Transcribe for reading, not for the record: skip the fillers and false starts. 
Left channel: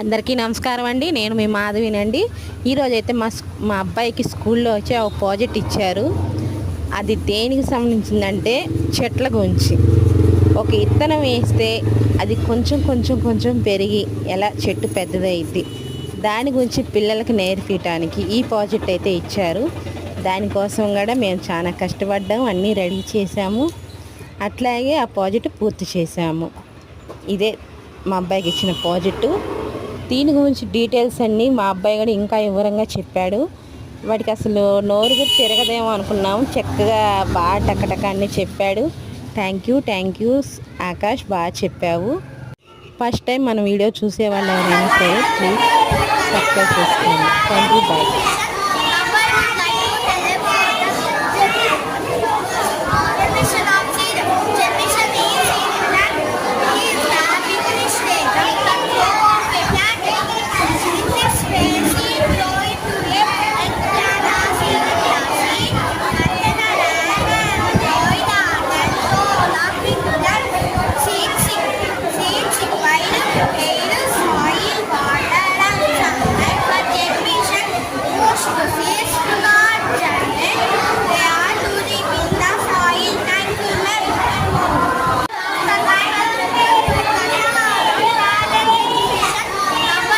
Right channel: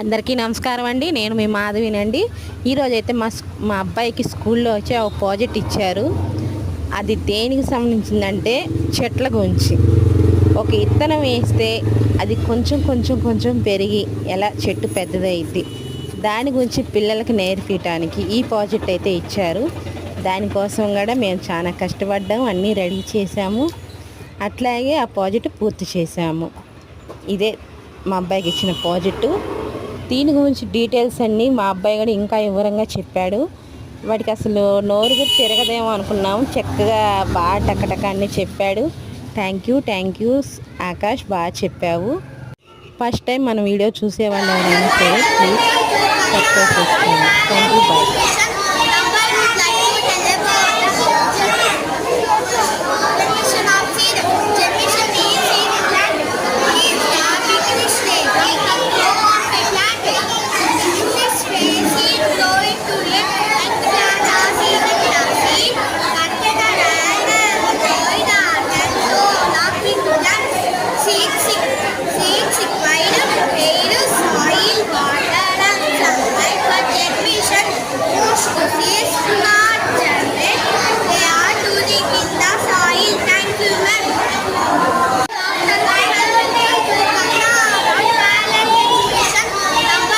అందరికీ నమస్కారం అండి. నేను మీ మాధవినండి. ఈరోజైతే మా అబ్బాయికి స్కూల్లో వచ్చి ఒక ప్రాజెక్ట్ ఇచ్చారు. అది దేనికి సంబంధించిందంటే చెట్ల గురించి. ఒక విత్తనం వేస్తే అది కొంచెం కొంచెం కొంచెం పెరిగి ఎలా చెట్టు పెద్దదైద్ది, దాని గురించి పిల్లలకి నేర్పించడానికి ఈ ప్రాజెక్ట్ అయితే ఇచ్చారు. దానికోసం కూడా మేము చాలా కష్టపడ్డాము, అన్నీ రెడీ చేసాము. అట్లాగే ఆ ప్రాజెక్టు పూర్తి చేసాము. ఇదే మా అబ్బాయికి ఇచ్చిన ప్రాజెక్టు. దీని గురించి డీటెయిల్స్ అన్నీ మా అబ్బాయి కూడా ఇంకా వివరంగా చెప్పాడు. వాడికి అసలు నోరు కూడా తిరగదేమో అనుకున్నాము, చక్కగా బాగా టకటక అన్నీ చెప్పాడు. థ్యాంక్ యూ ఆకాష్, బాగా చెప్పావు. ఫస్ట్ టైం మన వీడియో చూసేవాళ్ళు ఎవరైనా సరే ప్లీజ్ సబ్స్క్రైబ్ చేసుకోండి. Thank you, bye.